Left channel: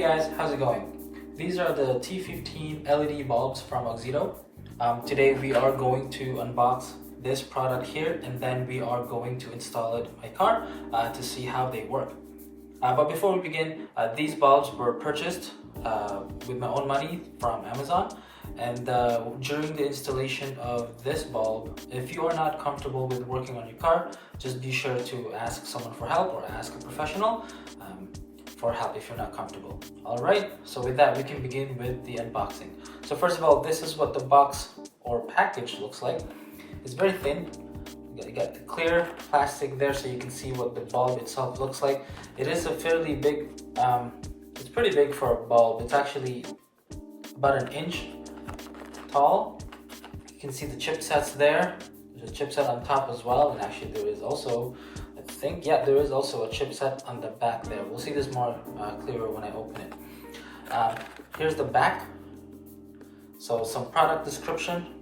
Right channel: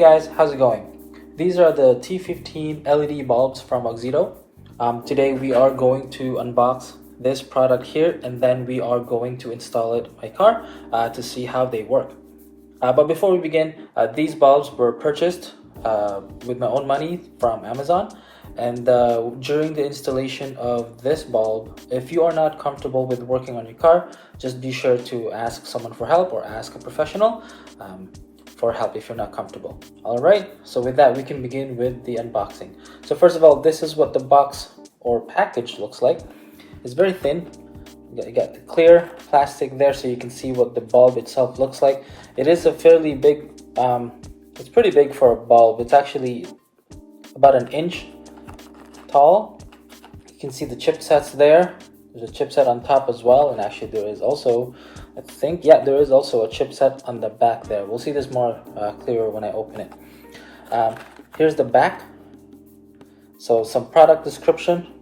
guys, how's it going? These are the T15 LED bulbs from Auxito. Today we are going to unbox this product here, and then we are going to install it in my car to see how they work. But before we begin, these bulbs were purchased with my own money from Amazon. And during the installation of this bulb, if you are not comfortable with working on your car, just be sure to ask someone for help or ask a professional for help if you're not comfortable. Alright, so with that we can begin with the unboxing. So first of all, this is what the box or package looks like. It's very thin. You got the clear plastic there so you can see what the bulb itself looks like. It is a fairly big, it's pretty big for a bulb. It's actually about an inch tall. You can see the chipsets there. There's a chipset on top as well, and actually there is also, I think, yeah, there is also a chipset on the back there. We'll see this more clearer when I open it. Here's the back. So some product description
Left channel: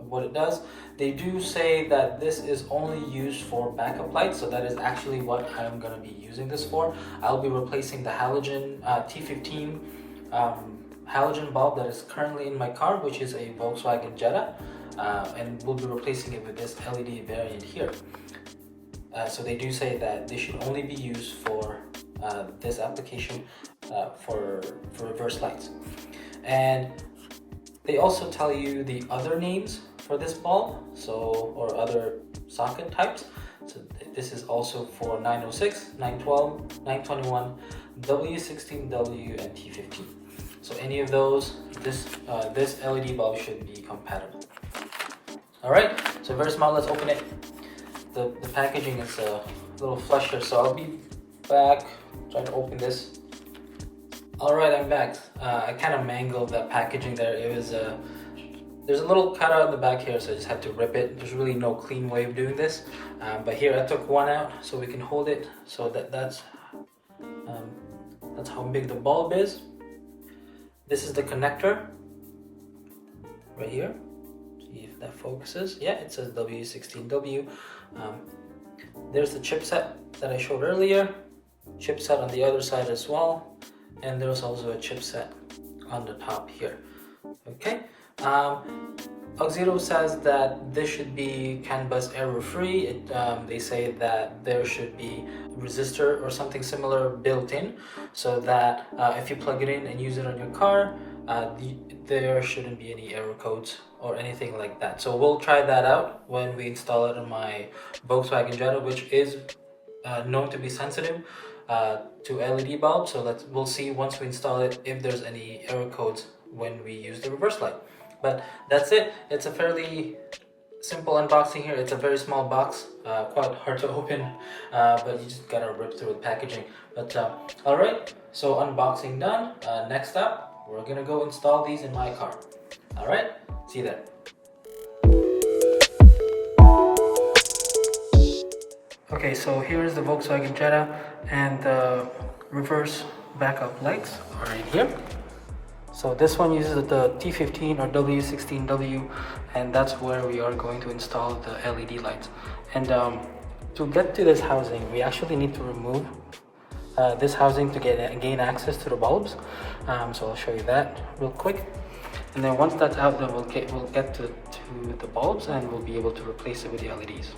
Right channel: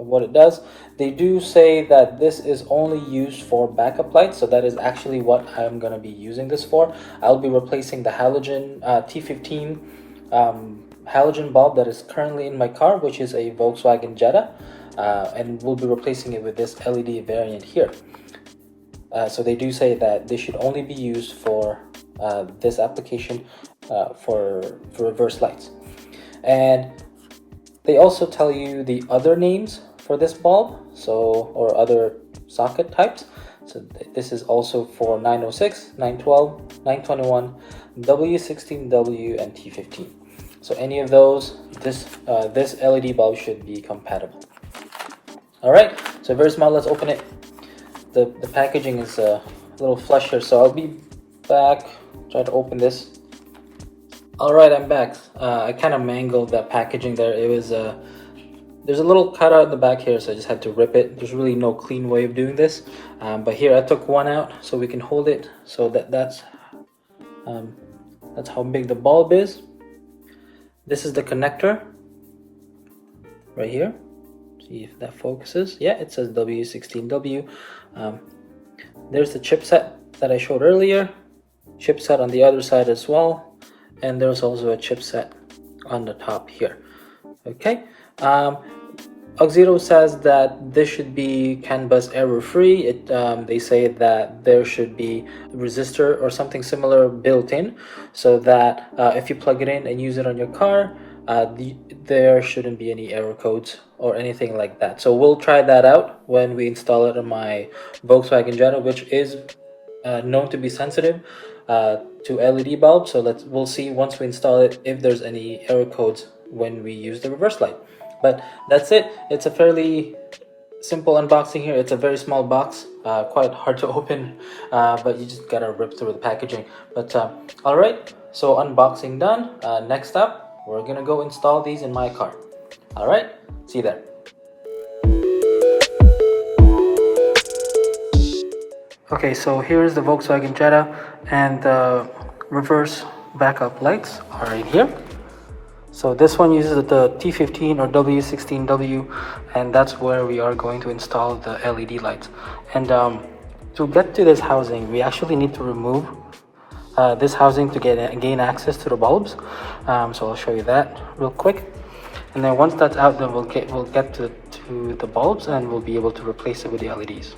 of what it does. They do say that this is only used for backup lights, so that is actually what I'm going to be using this for. I'll be replacing the halogen T15 halogen bulb that is currently in my car, which is a Volkswagen Jetta, and we'll be replacing it with this LED variant here. So they do say that they should only be used for this application for reverse lights. And they also tell you the other names for this bulb, or other socket types. So this is also for 906, 912, 921, W16W, and T15. So any of those, this LED bulb should be compatible. Alright, so very small, let's open it. The packaging is a little flesher, so I'll be back, try to open this. Alright, I'm back. I kind of mangled that packaging there. It was, there's a little cutout in the back here, so I just had to rip it. There's really no clean way of doing this. But here I took one out so we can hold it. So that's how big the bulb is. This is the connector right here. See if that focuses. Yeah, it says W16W. There's the chipset that I showed earlier. Chipset on the other side as well. And there's also a chipset on the top here. Okay. Auxito says that this should be CANBUS error-free. They say that there should be a resistor or something similar built in, so that if you plug it in and use it on your car, there shouldn't be any error codes or anything like that. So we'll try that out when we install it on my Volkswagen Jetta, which is known to be sensitive to LED bulbs. So we'll see once we install it if there's any error codes when we use the reverse light. But that's it. It's a fairly simple unboxing here. It's a very small box, quite hard to open, but you just gotta rip through the packaging. But all right, so unboxing done. Next up, we're gonna go install these in my car. All right, see you there. Okay, so here's the Volkswagen Jetta, and the reverse backup lights are right here. So this one uses the T15 or W16W, and that's where we are going to install the LED lights. And to get to this housing, we actually need to remove this housing to gain access to the bulbs. So I'll show you that real quick. And then once that's out, then we'll get to the bulbs, and we'll be able to replace it with the LEDs.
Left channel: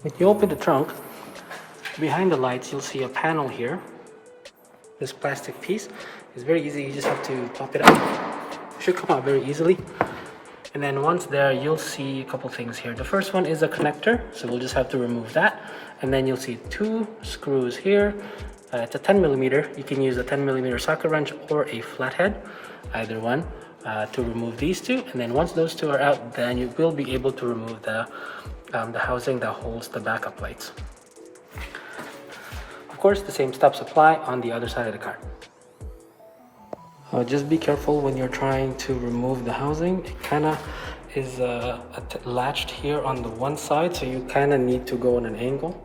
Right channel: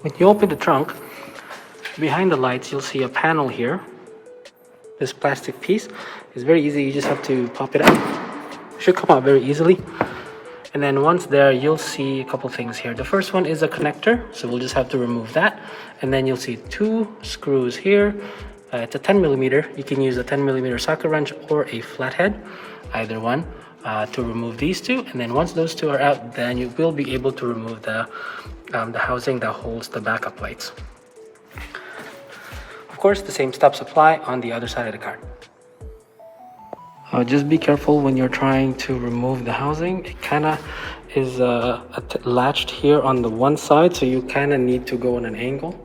When you open the trunk, behind the lights, you'll see a panel here. This plastic piece is very easy. You just have to pop it out. It should come out very easily. And then once there, you'll see a couple things here. The first one is a connector, so we'll just have to remove that. And then you'll see two screws here. It's a 10mm. You can use a 10mm socket wrench or a flathead, either one, to remove these two. And then once those two are out, then you will be able to remove the housing that holds the backup lights. Of course, the same steps apply on the other side of the car. Just be careful when you're trying to remove the housing. It kind of is latched here on the one side, so you kind of need to go on an angle.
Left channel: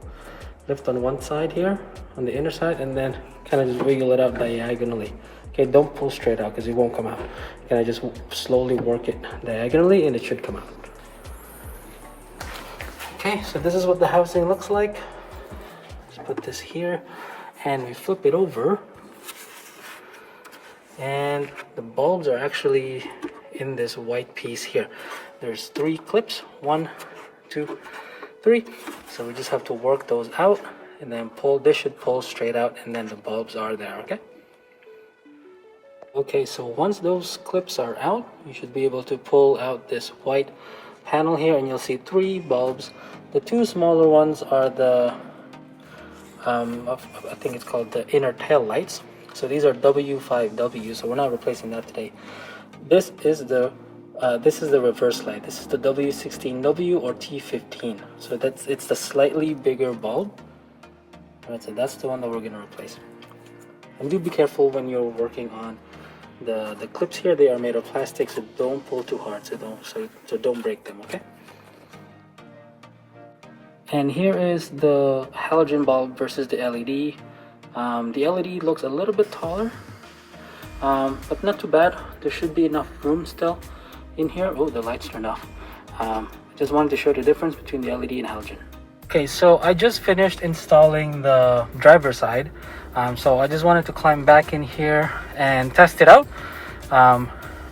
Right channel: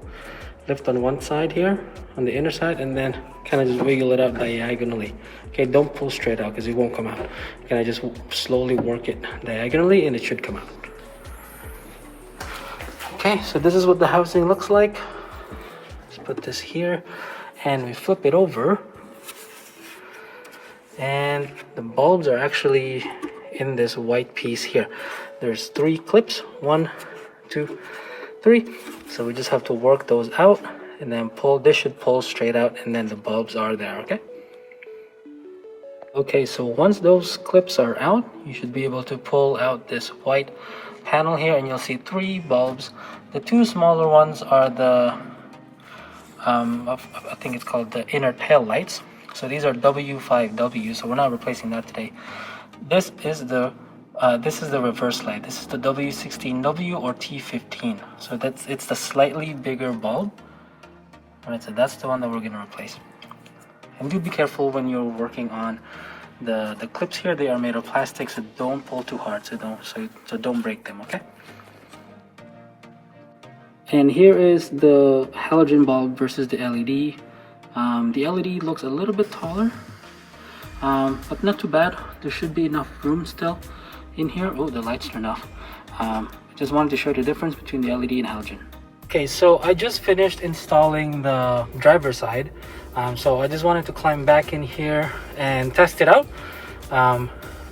Lift on one side here, on the inner side, and then kind of just wiggle it out diagonally. Okay, don't pull straight out because it won't come out. You kind of just slowly work it diagonally and it should come out. Okay, so this is what the housing looks like. Let's put this here and we flip it over. And the bulbs are actually in this white piece here. There's 3 clips, 1, 2, 3. So we just have to work those out and then pull. This should pull straight out, and then the bulbs are there. Okay, so once those clips are out, you should be able to pull out this white panel here, and you'll see 3 bulbs. The 2 smaller ones are the I think it's called the inner tail lights. So these are W5W, so we're not replacing that today. This is the reverse light. This is the W16W or T15. So it's the slightly bigger bulb. Alright, so that's the one that we're gonna replace. And do be careful when you're working on the clips here. They are made of plastic, so don't pull too hard, so don't break them, okay? And here is the halogen bulb versus the LED. The LED looks a little bit taller, but not too bad. There should be enough room still in here. Oh, the lights turned off. I just wanted to show the difference between the LED and halogen. Okay, so I just finished installing the driver's side. So I just wanted to climb back in here and test it out.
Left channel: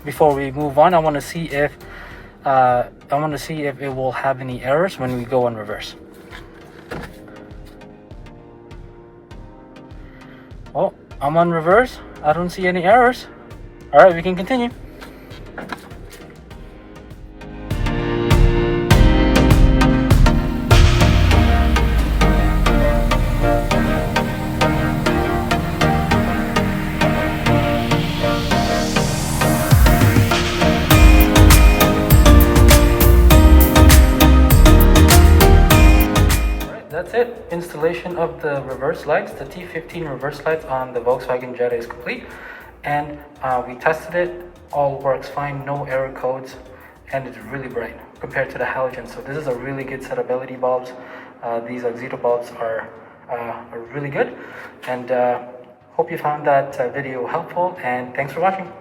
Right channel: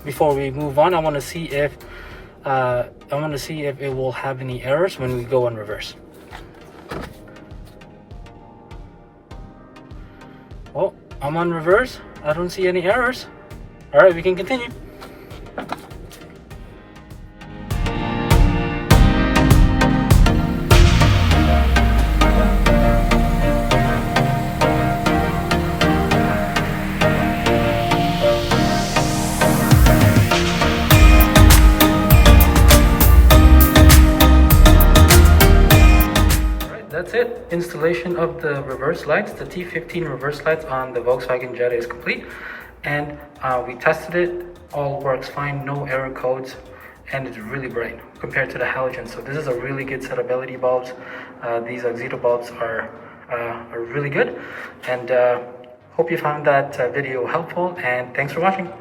Before we move on, I want to see if it will have any errors when we go in reverse. Oh, I'm on reverse. I don't see any errors. All right, we can continue. That's it. Installation of the reverse lights, the T15 reverse lights on the Volkswagen Jetta is complete, and we tested it. All works fine, no error codes, and it's really bright compared to the halogen. So this is a really good set of LED bulbs. These Auxito bulbs are really good, and hope you found that video helpful, and thanks for watching.